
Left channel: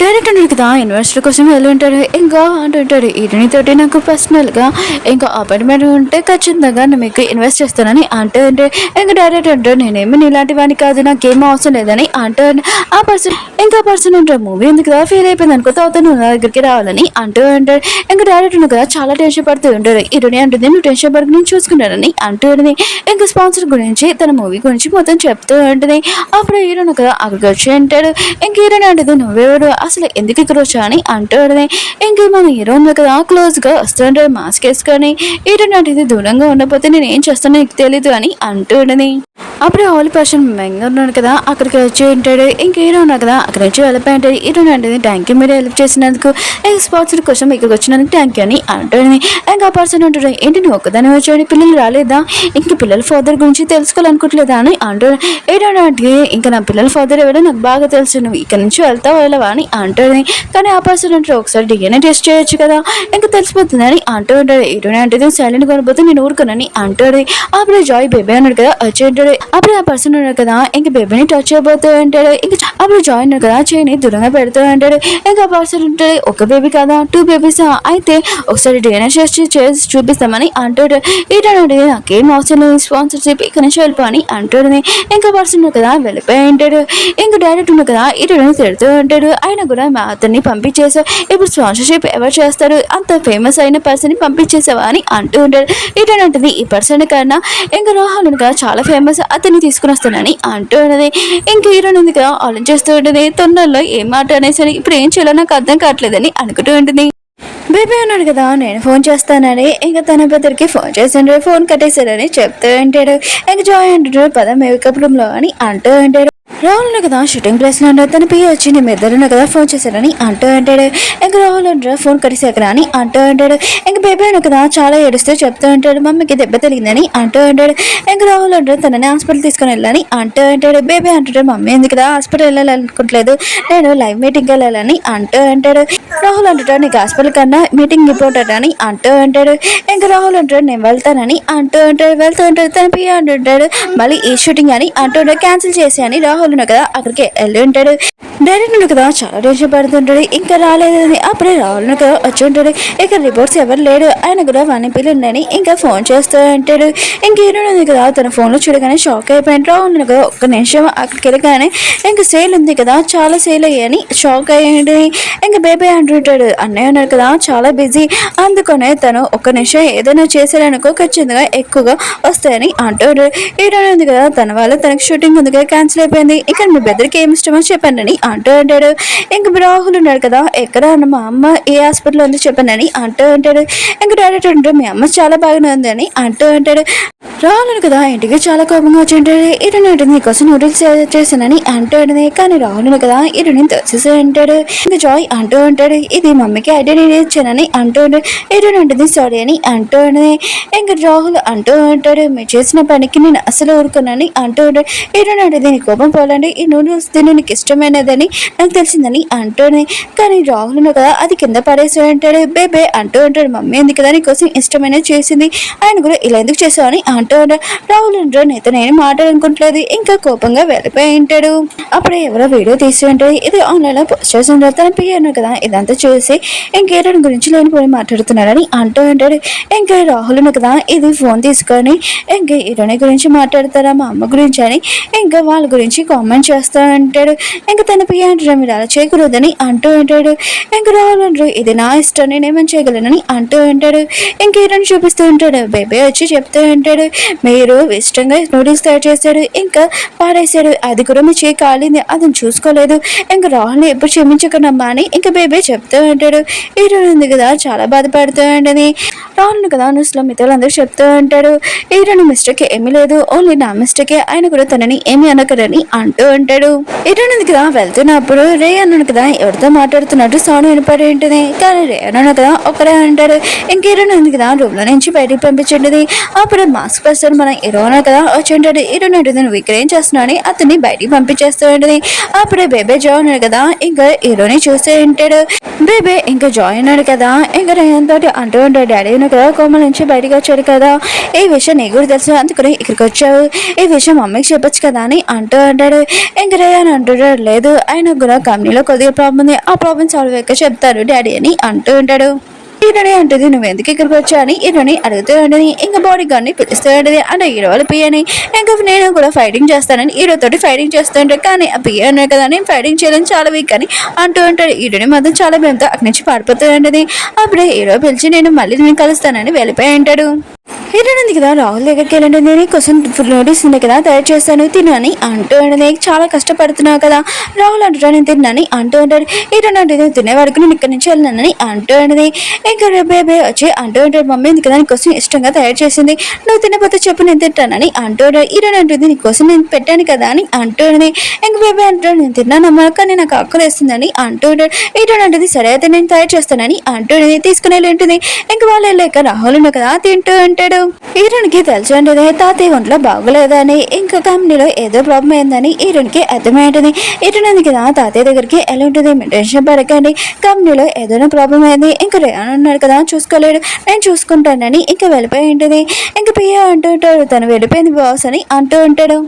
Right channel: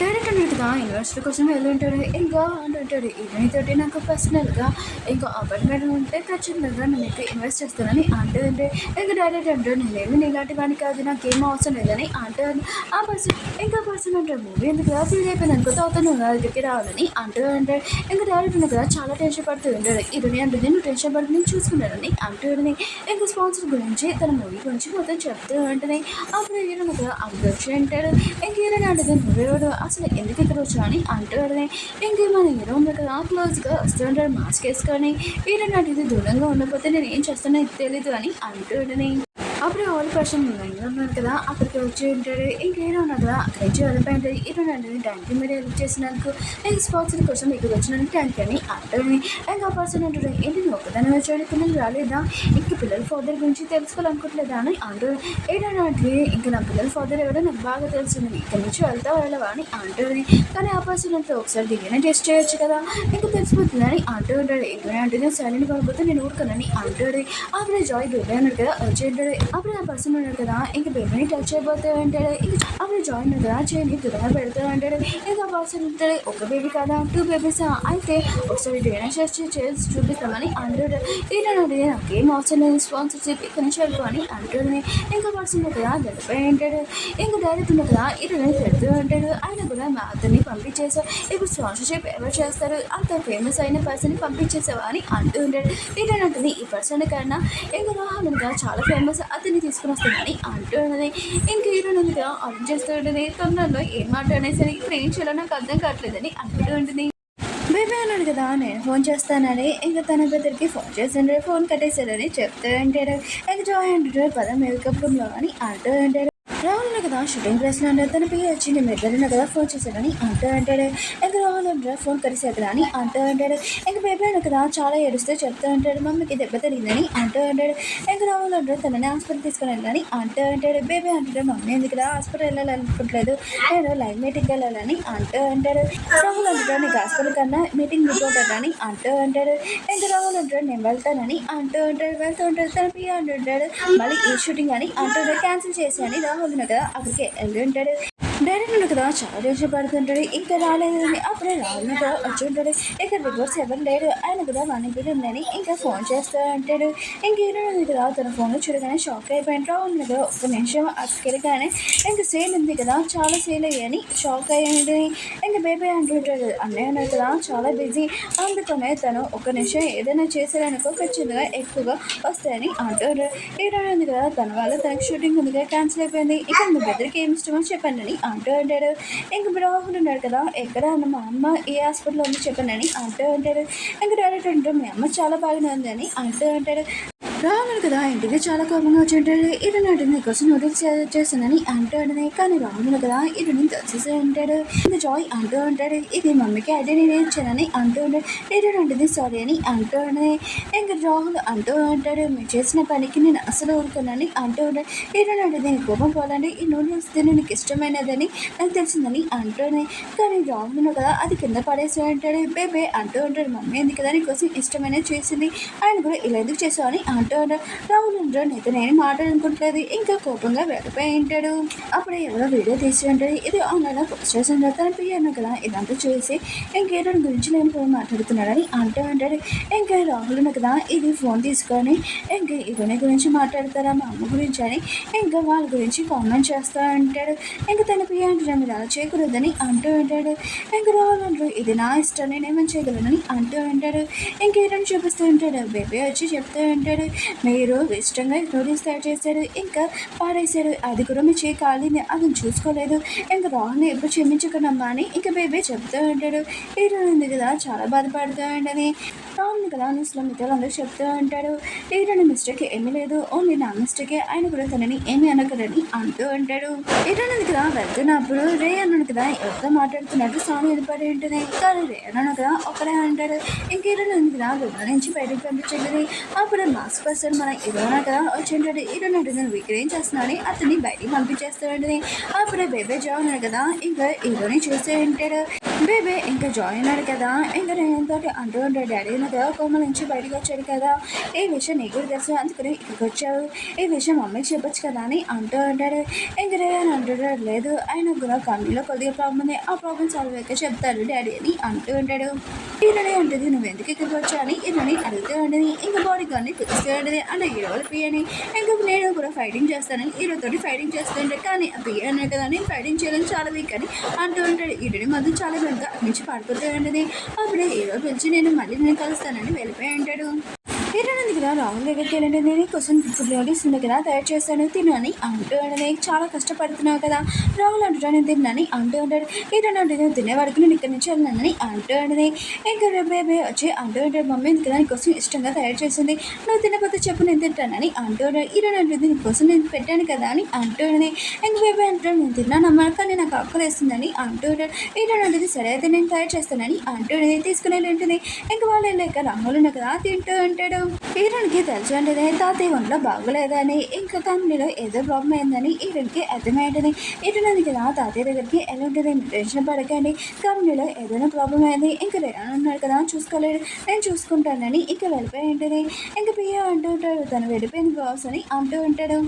డైరెక్ట్ ఉన్నాడు కదా యూనివర్సిటీ కోసం వెళ్ళి ఉంటాడు. ఇంకా అంటుంటాడు ఈటనితోటి నాకు పర్సనల్గా ఇంకా అపాయింట్మెంట్ ఉంటే ఖచ్చితంగా నేను మీకు ఇన్వెస్ట్ చేస్తానని అంటూ ఉంటాడు. ఇంకా డైరెక్ట్ అంటాడు నేనేమి ఇలాంటి వాడిని కాదు నాకేం అవసరం లేదని అంటూ ఆ పర్సన్ ఉంటాడు మూవీ ఉంది కదా ఫెయిల్ అయిపోయింది అనుకో అతను నా దగ్గరికి రావాలని అంటూ ఉంటాడు. ఇంకా డైరెక్ట్ ఉన్నాడు కదా చాలా టెన్షన్ పడుతూ ఉంటాడు. ఈరోజు అంటుంది నువ్వు టెన్షన్ పడుకు నేను చూసుకున్నానని అంటూ ఉంటుంది. ఇంకా స్పాన్సర్ గురించి తన మూవీ గురించి మొత్తం చెప్తూ ఉంటుంది. అప్పుడు హీరోను కదా అక్కడికి వచ్చి అంటాడు. ఇంక హీరోని అంటుంది నువ్వెవరు అసలు ఎందుకు ఇక్కడ వచ్చా అని అంటాడు. ఇంకా మన హీరోయిన్ కదా క్లోజ్గా వస్తుంటాడు మాస్క్ వేసుకొని. హీరోయిన్ అంటే దూరంగా ఉండకపోతే నేను ఏం చేస్తానో నీకు తెలీదు అని అంటాడని. అప్పుడు ఆల్ పర్సన్ మెంగా ఉన్నాడు కదా అక్కడికి వచ్చి ఉంటాడు. ఇంక హీరో ఉన్నాడు కదా అక్కడి నుంచి వెళ్ళిపోయి ఉంటాడు. హీరోయిన్ అంటే థ్యాంక్ యూ మీరు హెల్ప్ చేసినందుకు స్పాన్సర్ కోసం ఇక్కడికి వచ్చినందుకు థ్యాంక్ యూ అని అంటాడు. ఇంకా ఆ పర్సన్ ఉంటాడు ఏంటి నువ్వు ఒక్కదాన్ని వచ్చాడు పిల్లలు రాలేదా ఇంక పిల్లల ఫాదర్ గురించి తెలుసుకోవాలనుకోవట్లేదా అని అంటాడు. హీరోయిన్ అంటే ఇంకా నా పిల్లల ఫాదర్ ఎవడో నాకు బాగా తెలుసు నువ్వు ఇక్కడ నుంచి వెళ్తావు వెళ్ళవా అని అంటాడు. కానీ ఆ పర్సన్ అంటారు ఒకసారి డిఎన్ఏ టెస్ట్ చేయొచ్చు కదా ఇంకా తెలిసిపోతుందని అంటూ ఉంటాడు. హీరోయిన్ అంటే సైలెంట్ కొనిపోతే నేను ఊరుకోనని అంటాడు. అప్పుడు జాయ్ బేబీ అన్నాడు కదా వచ్చి ఉంటాడు. అప్పుడు ఆ పర్సన్ ఉన్నాడు కదా ఇంక బేబీని టచ్ అయిపోతూ ఉంటాడు. ఇంకా అప్పుడు జాయ్ ఉన్నాడు కదా చేయని దూరంగా పెడుతూ ఉంటాడు. ఇంకా ఆ పర్సన్ ఉంటాడు ఒక బేబీ కదా 2 బేబీస్ అయితే ఒకసారి డిఎన్ఏ టెస్ట్ చేసి చూపిస్తామని అంటాడు. ఏంటంటే నాకేం అవసరం లేదు స్పాన్సర్షిప్ ఇక్కడ నుంచి వెళ్ళిపో అని అంటాడు. ఇంకా పర్సన్ ఉన్నాడు కదా వెళ్ళిపోయి ఉంటాడు. ఇంకా డైరెక్ట్ ఉన్నాడు కదా ఇటు తిడుతూ ఉంటాడు. ఆయన కూడా అతన్ని పంపించేసావు ఇప్పుడు స్పాన్సర్షిప్ ఎవరు చేస్తారు అంత ఫేమస్ అయిన పర్సన్ ని పంపించేసావా అని అంటూ ఉంటాడు. ఇటంటుంది ఈ పర్సన్ కన్నా ఇంకా రాహుల్ కదా చాలా ఫేమస్ అతన్ని తీసుకుని వస్తానని అంటూ ఉన్నది. ఇంక హీరోయిన్ ఉంది కదా ఆలోచిస్తూ ఉంటుంది తొందరలో ఏం మాట అనేసరి ఇప్పుడు ఏం చేయాలో నాకు అర్థం కావట్లేదని అనుకుంటూ ఉంటుంది. బేబీ అన్నాడు కదా నేను ఫోన్ చేస్తానని ఇంకా తన బ్రదర్కి ఫోన్ చేసాడు ఫోన్ కట్టేశారని చెప్తూ ఉంటాడు. ఇంకా జాయ్ అంటాడు పద మేకప్ రూమ్లో అని అంటూ ఉంటాడు. రాహుల్ కదా షూటింగ్ ప్లేస్ లో తన పియ్య వచ్చి నీ ఇద్దరు కదా ఫోన్ చేశారని అంటూ అంటాడు. ఇంకా రాహుల్ అంటారు ఫోన్ కడిసాకరా అని అంటూ అంటాడు. ఇంకా బేబీ కదా చాలా ఏడుస్తూ చెప్తూ ఉంటాడు మమ్మీకి దెబ్బ తగిలిందని అంటూ అంటాడు. ఇంకా రాహుల్ అంటారు తనని హాస్పిటల్ తీసుకుని వెళ్ళాలని అంటూ అంటాడు. బేబీ అంటాడు మమ్మీ ఎందుకు కదా హాస్పిటల్ వెళ్ళాలనుకోవట్లేదు నేను లైవ్ మీటింగ్ వెళ్ళాలని అంటూ అంటాడు. రాహుల్ అంటాడు నీకు హాస్పిటల్ కన్నా మీటింగ్ ఇంపార్టెంట్ అని అంటూ అంటాడు. ఇంకా రాహుల్ అంటాడు నేను వెళ్తానని అంటూ అంటాడు. వెళ్తూ ఉంటాడు తన పియ్య అంటుంటాడు మళ్ళీ ఈ షూటింగ్ అని అంటూ క్యాన్సిల్ చేసి అని రాహుల్ కదా అక్కడికి వెళ్ళి ఉంటాడు. డైరెక్టర్ కదా చాలా టెన్షన్ పడుతుంటాడు ఇంకా రాలేదని. అప్పుడే రాహుల్ కదా వచ్చి ఉంటాడు. ఇక రిపోర్ట్స్ ఎవరు లేడు ఆయన కూడా వాని పిల్లని ఇంకా ఫోన్ చేస్తూ ఉంటాడు. ఇంకేనుంది కదా తన ఫోన్ లో చూడగానే షాక్ అయిపోయాడు. రాహుల్ కదా ఒక్క నిమిషం అక్కడికి వెళ్ళగానే ఇంకా సేల్ ఉంది కదా చాలా సేల్ అయ్యాని షాక్ అయ్యాడు. ఇంకా బేబీ అంటుంటాడు అన్నయ్య ఉన్నారు కదా చాలా బిజీ అందుకనే తను ఒక్క నిమిషం ఏదైనా చేశాడనుకో ఖచ్చితంగా ఎక్కువగా వస్తాయని అంటాడు. ఏడుంది కదా తన వల్ల తనకి షూటింగ్ ఉంది కదా క్యాన్సిల్ అయిపోయింది. ఇక మీ బెదర్కి ఏమి ఇష్టమో చెప్పండి అని అంటూ అంటాడు. ఇంక రాహుల్ ఉన్నాడు కదా ఎక్కడ మా అమ్మ ఏ హాస్పిటల్ ఉంది చెప్పండి అంటూ అంటాడు. ఇంక డైరెక్టర్ అంటాడు మీ అమ్మ చాలా బాగానే ఉంది అని అంటూ అంటాడు. రాహుల్ కదా ఇంటికి చాలా కోపంగా వచ్చి ఉంటాడు. ఇరుని ఉంటుంది నీకోసం నూడిల్స్ చేశానని అంటూ ఉంటుంది. కానీ రాహుల్ కదా ఇరుని తోసేసి అంటాడు. ఇంకా జాయ్ అంటూ ఉంటాడు ఇది మమ్మీకి ఐడెంటిటీ ఇచ్చానని అంటూ ఉంటాడు. ఇరుని ఉంటుంది సారీ అని అంటూ ఉంటుంది. ఇంకా రాహుల్ అంటూ ఉంటాడు మీరు చేసిన పనికి నేను అసలు ఊరుకున్నాను అంటూ ఉంటాడు. ఇరుని ఉంటుంది నీ కోపం పోలండి ఈ నూడిల్స్ తిని నీకు ఇష్టమైనదని నాకు తెలిసిందని అంటూనే. కానీ రాహుల్ కదా అది కింద పడేసి అంటాడు. బేబే అంటూ ఉంటాడు మమ్మీ ఎందుకు కదా నీకోసం ఇష్టమైనది చేసింది ఆయన కూడా ఇలా ఎందుకు చేసావని అంటూ ఉంటాడు. రాహుల్ అంటాడు నేత నేను మాట్లాడుకుంటలేదు ఇంకా కోపంగా వెళ్ళిపోయి ఉంటాడు. అప్పుడే ఎవరో వీడియో తీసి ఉంటాడు. ఇది ఆన్లైన్ లో పోస్ట్ చేసి ఉంటాడు. తన పియ్యను కదా ఇదంతా చూసి ఇంకేరని గురించి లేనిపోయి మాట్లాడుతున్నాడని అంటూ ఉంటాడు. ఇంకా రాహుల్ కదా ఇది ఫోన్ తీసుకొని ఇంకా ఇరుని గురించి మాట్లాడతారా మా అమ్మ గురించి అని ఇంకా వాళ్ళ గురించి కామెంట్ చేస్తూ ఉంటాడు. ఇంకా తన పియ్య అంటాడు మీరు అలా చేయకూడదని అంటూ ఉంటాడు. ఇంకా రాహుల్ అంటారు ఇది నా ఇష్టం నేనేమని చేయగలనని అంటూ ఉంటాడు. ఇంకా ఇరుని చూపిస్తూ ఉంటాడు. బేబీ వచ్చి చెప్తూ ఉంటాడు మీరు ఇష్టంగా నూడిల్స్ తయారు చేశాడు ఇంకా పాడేశాడు అది కూడా మీ చేయి కాలింది అతను చూసుకోలేదు ఇంకా రాహుల్ని ఎప్పుడు క్షమించకనమ్మా అని ఇంకా బేబీ చెప్తూ ఉంటాడు. హీరోయిన్ ఉంది కదా చాలా బాధపడుతూ ఉంటుంది. రాహుల్ని కదా నువ్వు మిత్రులందరూ చెప్తూ ఉంటాడు హీరోని మిస్టేక్ ఏమీ లేదు ఓన్లీ నా మిస్టేకే ఆయన కూడా తనని ఏమి అనకరని అంటూ ఉంటాడు. హీరోయిన్ ఉంది కదా వెళ్తున్నప్పుడు రే అన్నాను కదా ఎవరితో మాట్లాడుతున్నట్టు సౌండ్ వినపడి ఉంటుంది. కానీ రే అన్నాను కదా ఒక్కడే అంటాడు. ఇంక హీరోయిన్ ఉంది కదా రూమ్ లో నుంచి బయటికి పంపించండి. అప్పుడు మాస్క్ పర్సన్ మన హీరోనే కదా వచ్చి ఉంటాడు. హీరోయిన్ ఉంటుంది నువ్వు ఇక్కడ ఏం చేస్తున్నావు అని అతన్ని బయటికి పంపించేస్తూ ఉంటుంది. అప్పుడే బేబే జాయ్ ఉన్నాడు కదా ఇంకా హీరోని చూస్తూ ఉంటాడు. బేబే ఇంకా జాయ్ ఉన్నాడు కదా ఇంకా రేయన్ తోటి అంటూ ఉంటాడు డాడీ కదా కోమల నుంచి బయటకు వచ్చాడు కదా ఈ విషయం నీ కూడా తెలుసు అందుకని ఇక్కడికి వచ్చావు ఈ విషయం మమ్మీకి చెప్పొచ్చు కదా అని అంటూ ఉంటాడు. ఇంకా రేయన్ అంటుంటాడు లేదు ఆయన కూడా కంపెనీలో కొద్దిగా ప్రాబ్లం ఉంది ఆ ప్రాబ్లం సాల్వ్ అయ్యాక చెప్తారు డాడీ అని అంటూ ఉంటాడు. ఈరోని అంటుంది నువ్వు ఎందుకు ఇక్కడికి వచ్చా అని ఈరోని అడుగుతూ ఉండని ఇంకా బాడీ గార్డ్ని పిలుస్తూ ఉండేది అంటే హీరో వాళ్ళ పియ్యని ఇంకా నేను కూడా ఫైటింగ్ చేస్తానని హీరోతోటి ఫైటింగ్ చేస్తూ ఉంటాడు. కానీ ఆ పియ్య అన్నాడు కదా నేను ఫైటింగ్ చేయలేని చాలా వీక్ అని అంటూ ఉంటాడు. హీరోని మాత్రం చాలా భయంతో అక్కడి నుంచి పారిపోతూ ఉండేది. అప్పుడే హీరో పిలిచి నేను మళ్ళీ నేను కలుస్తానని వెళ్ళిపోయి ఉంటాడు. హీరోయిన్ ఉంది కదా రాహుల్ దగ్గరికి వెళ్ళండి నేను కోసం నోటీస్ ఉంది కదా తయారు చేస్తాను తినని అంటూ ఉండదు చాలా కష్టపడుతున్నావు కదా రాహుల్ అంటాడు నేను తిన్నాని అంటూ ఉంటాడు. హీరోయిన్ అంటే నేను తినే వరకు నేను ఇక్కడి నుంచి వెళ్ళినానని అంటూ ఉండదు. ఇంకా బేబే వచ్చి అంటూ ఉంటాడు మమ్మీ ఎందుకు కదా నీకోసం ఇష్టంగా తయారు చేసింది నువ్వు తినకపోతే చెప్పు నేను తింటానని అంటూ ఉంటాడు. హీరోయిన్ అంటుంది నీకోసం నేను పెట్టాను కదా అని అంటూ ఉండదు. ఇంకా బేబే అంటాడు నేను తిన్నానమ్మా కానీ నాకు ఆకలి వేస్తుందని అంటూ ఉంటాడు. హీరోయిన్ అంటుంది సరే అయితే నేను తయారు చేస్తానని అంటూ ఉండదు. తీసుకుని వెళ్ళి ఉంటుంది. ఇంకా వాళ్ళు వెళ్ళాక రాహుల్ ఉన్న కదా తింటూ ఉంటాడు. హీరోనికి తెలుసు తాతయ్య ఒంట్లో బాగోలేదని ఇంకా కంపెనీలో ఏదో ప్రాబ్లం అయిందని హీరోనికి అర్థమైంటుంది. హీరోయిన్ కదా తాతయ్య దగ్గరికి ఎలా ఉంటుంది మీరు టెన్షన్ పడకండి కంపెనీలో ఏదైనా ప్రాబ్లం అయింది ఇంకా రేయాన్ ఉన్నాడు కదా చూసుకోలేడు నేను చూసుకుంటానని ఇంకా వెళ్ళిపోయి ఉంటుంది. ఇంకా పియ్య అంటూ ఉంటాడు తను వెళ్ళిపోయింది బాస్ అని అంటూ ఉంటాడు.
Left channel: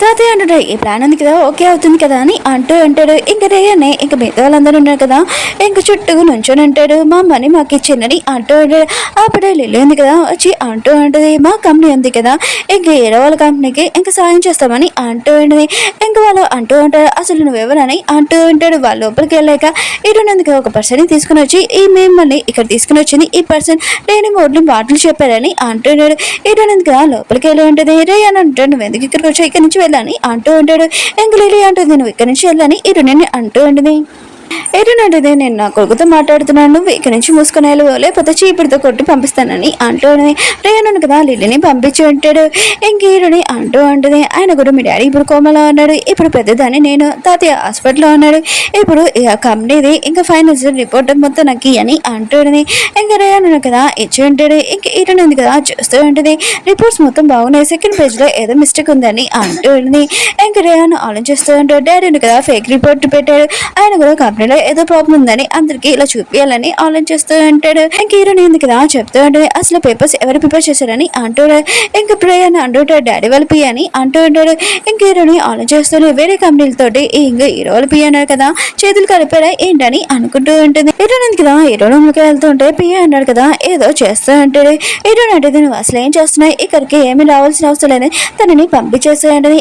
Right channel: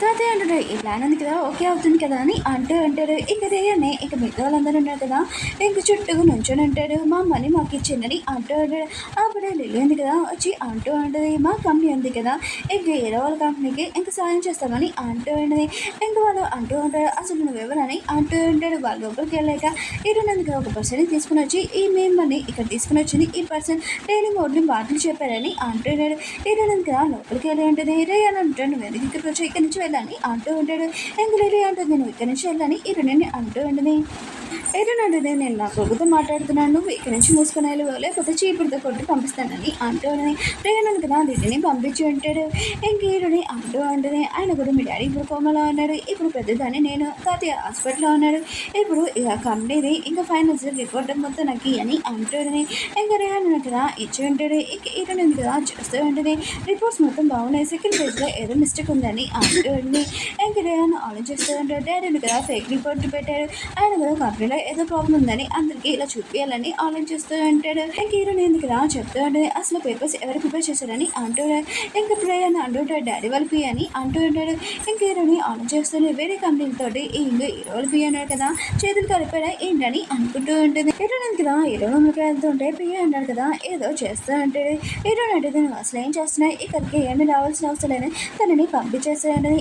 తాతయ్య అంటాడు ఈ ప్లాన్ ఉంది కదా ఓకే అవుతుంది కదా అని అంటూ అంటాడు. ఇంకా రేయనే ఇంకా మిగతా వాళ్ళందరూ ఉన్నారు కదా ఇంకా చుట్టూ నుంచొని అంటాడు మా అమ్మని మాకు ఇచ్చిందని అంటూ ఉంటాడు. అప్పుడే లిల్లీ ఉంది కదా వచ్చి అంటూ ఉంటుంది మా కంపెనీ ఉంది కదా ఇంకా ఏడో వాళ్ళ కంపెనీకి ఇంకా సాయం చేస్తామని అంటూ ఉంటుంది. ఇంకా వాళ్ళు అంటూ ఉంటారు అసలు నువ్వెవరని అంటూ ఉంటాడు. వాళ్ళ లోపలికి వెళ్ళాక ఇరునందుకు ఒక పర్సన్ తీసుకుని వచ్చి ఈ మిమ్మల్ని ఇక్కడ తీసుకుని వచ్చింది ఈ పర్సన్ లేని మూడు మాటలు చెప్పారని అంటున్నాడు. ఇరునందుకు లోపలికి వెళ్ళి ఉంటుంది. రే అని అంటాడు నువ్వు ఎందుకు ఇక్కడికి వచ్చి ఇక్కడి నుంచి వెళ్ళని అంటూ ఉంటాడు. ఇంకా లిల్లీ అంటుంది నువ్వు ఇక్కడి నుంచి వెళ్ళని ఇరుని అంటూ ఉంటుంది. ఏంటంటే నేను నా కొడుకుతో మాట్లాడుతున్నాను, నువ్వు ఇక్కడి నుంచి మూసుకునే లేకపోతే చీపుడితో కొట్టి పంపిస్తానని అంటూ రేయను కదా లిల్లీని పంపించి ఉంటాడు. ఇంక హీరోని అంటూ ఉంటుంది, ఆయన కూడా మీ డాడీ ఇప్పుడు కోమలో ఉన్నాడు, ఇప్పుడు పెద్దదాన్ని నేను తాతయ్య హాస్పిటల్లో ఉన్నాడు, ఇప్పుడు కంపెనీది ఇంకా ఫైనల్స్ రిపోర్ట్ మొత్తం నాకు అని అంటుంది. ఇంకా రేయను కదా ఇచ్చి ఉంటాడు. ఇంక హీరోని ఉంది కదా చూస్తూ ఉంటుంది, రిపోర్ట్స్ మొత్తం బాగున్నాయి, సెకండ్ పేజ్లో ఏదో మిస్టేక్ ఉందని అంటూ ఉంటుంది. ఇంకా రేయను ఆలోచిస్తూ ఉంటాడు, డాడీని కదా ఫేక్ రిపోర్ట్ పెట్టాడు, ఆయన కూడా కంపెనీలో ఏదో ప్రాబ్లం ఉందని అందరికి ఇలా చూపించాలని ఆలోచిస్తూ ఉంటాడు. ఇంక హీరోని ఉంది కదా చెప్తూ ఉంటుంది, అసలు పేపర్స్ ఎవరు ప్రిపేర్ చేశారని అంటాడు. ఇంక ప్రియని అంటుంటాడు, డాడీ వాళ్ళ పి అని అంటూ ఉంటాడు. ఇంక హీరోని ఆలోచిస్తూనే వేరే కంపెనీలతోటి ఇంకా హీరో వాళ్ళు పి అన్నారు కదా, చేతులు కలిపారా ఏంటని అనుకుంటూ ఉంటుంది. హీరోని ఉంది కదా హీరో రూమ్కి వెళ్తుంటే పి అన్నాడు కదా ఏదో చేస్తూ ఉంటాడు. హీరోని అంటే నువ్వు అసలు ఏం చేస్తున్నావు, ఇక్కడికి ఏమి రావాల్సిన అవసరం లేదు, తనని పంపించేస్తూ ఉంటుంది.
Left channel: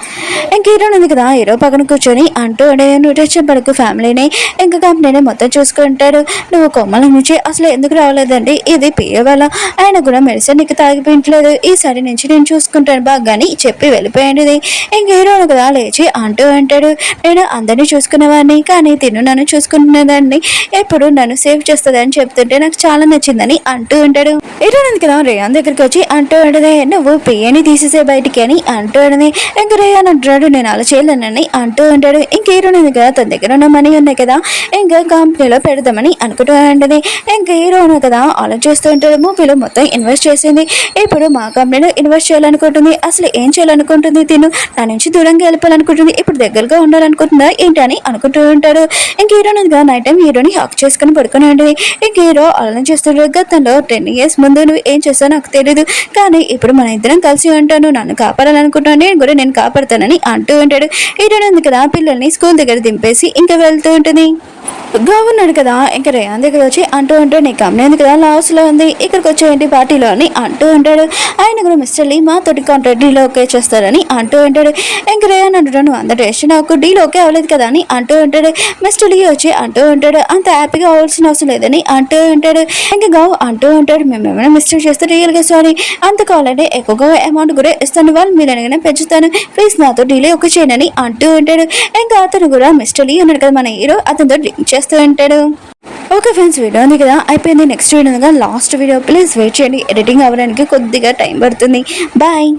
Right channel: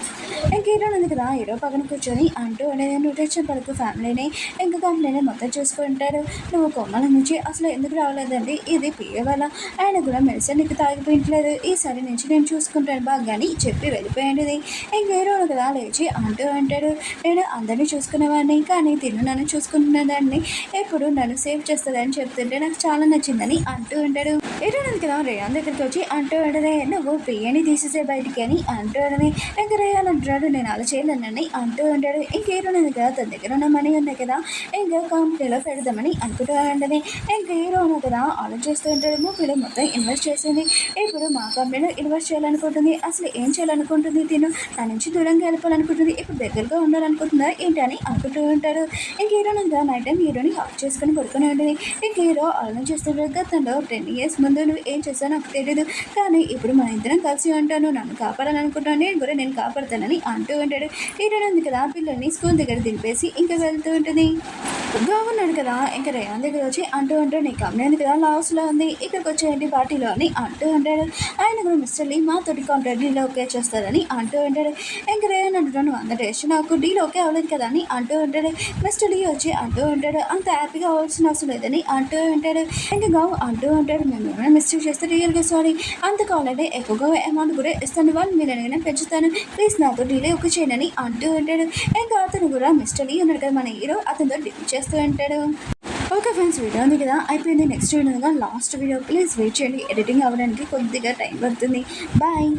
ఇంక హీరోని ఉంది కదా హీరో పక్కన కూర్చొని అంటూ ఉండే, నువ్వు టెన్షన్ పడకు, ఫ్యామిలీని ఇంకా కంపెనీని మొత్తం చూసుకుంటాడు, నువ్వు కొమ్మల నుంచి అసలు ఎందుకు రావలేదండి, ఇది పిఏ వల్ల, ఆయన కూడా మెడిసిన్ నీకు తాగిపోయట్లేదు, ఈసారి నుంచి నేను చూసుకుంటాను బాగాని చెప్పి వెళ్ళిపోయింది. ఇంక హీరోను కదా లేచి అంటూ అంటాడు, నేను అందరినీ చూసుకునేవాడిని కానీ తిను నన్ను చూసుకుంటున్నదాన్ని, ఎప్పుడు నన్ను సేవ్ చేస్తుంది అని చెప్తుంటే నాకు చాలా నచ్చిందని అంటూ ఉంటాడు. హీరోని కదా రేయాన్ దగ్గరికి వచ్చి అంటూ ఉంటుంది, నువ్వు పిఏని తీసేసే బయటికి అని అంటూ ఉంటుంది. ఇంక రేయాన్ అంటున్నాడు, నేను అలా చేయలేనని అంటూ ఉంటాడు. ఇంక హీరోని కదా తన దగ్గర ఉన్న మనీ ఉన్నాయి కదా ఇంకా కంపెనీలో పెడదామని అనుకుంటూ ఉంటుంది. ఇంకా హీరోను కదా ఆలోచిస్తూ ఉంటాడు, మూవీలో మొత్తం ఇన్వెస్ట్ చేసింది, ఇప్పుడు మా కంపెనీలో ఇన్వెస్ట్ చేయాలనుకుంటుంది, అసలు ఏం చేయాలనుకుంటుంది, తిను నా నుంచి దూరంగా వెళ్ళిపోవాలనుకుంటుంది, ఇప్పుడు దగ్గరగా ఉండాలనుకుంటుందా ఏంటి అని అనుకుంటూ ఉంటాడు. ఇంక హీరోని కదా నైట్ టైం హీరోని హక్ చేసుకుని పడుకుని ఉంటుంది. ఇంక హీరో ఆలోచిస్తాడు, గతంలో 10 years ముందు నువ్వు ఏం చేస్తావు నాకు తెలియదు, కానీ ఇప్పుడు మన ఇద్దరం కలిసి ఉంటాను, నన్ను కాపాడాలనుకుంటున్నాను, నేను కూడా నేను కాపాడుతానని అంటూ ఉంటాడు. హీరోని కదా పిల్లల్ని స్కూల్ దగ్గర దింపేసి ఇంకా వెళ్తూ ఉంటుంది. ఉన్నాడు కదా ఇంకా రేయాన్ దగ్గర వచ్చి అంటూ ఉంటాడు, నీ కంపెనీ ఉంది కదా లాస్లో ఉంది, ఇక్కడికి వచ్చేయండి పార్టీలో అని అంటూ ఉంటాడు. ఆయన కూడా మిస్టర్ లీ మాతోటి కాంట్రాక్ట్ డీల్ ఓకే చేస్తారని అంటూ ఉంటాడు. ఇంకా రేయాన్ అంటాడు, నువ్వు అందరూ టెస్ట్ నాకు డీల్ ఓకే అవ్వలేదు కదా అని అంటూ ఉంటాడు. మిస్టర్ లీ వచ్చి అంటూ ఉంటాడు, అంత హ్యాపీగా అవ్వాల్సిన అవసరం లేదని అంటూ ఉంటాడు. ఇంకా గావ్ అంటూ ఉంటాడు, మేము ఏమైనా మిస్టేక్ చేస్తే రియల్గా సారీ, అంత కావాలంటే ఎక్కువగా అమౌంట్ కూడా ఇస్తాను, వాళ్ళు మీరు అనగానే పెంచుతాను, ప్లీజ్ నాతో డీల్ ఓకే చేయనని అంటూ ఉంటాడు. ఇంకా అతను కూడా మిస్టర్ లీ ఉన్నాడు కదా మన హీరో, అతనితో డ్రింక్ చేస్తూ ఉంటాడు. ఓకే ఫ్రెండ్స్, వీడియో ఉంది కదా అయిపోయింది. Next video last video, please wait చేయండి, ఎడిటింగ్ అవ్వడానికి కొద్దిగా టైం పడుతుంది. బాయ్.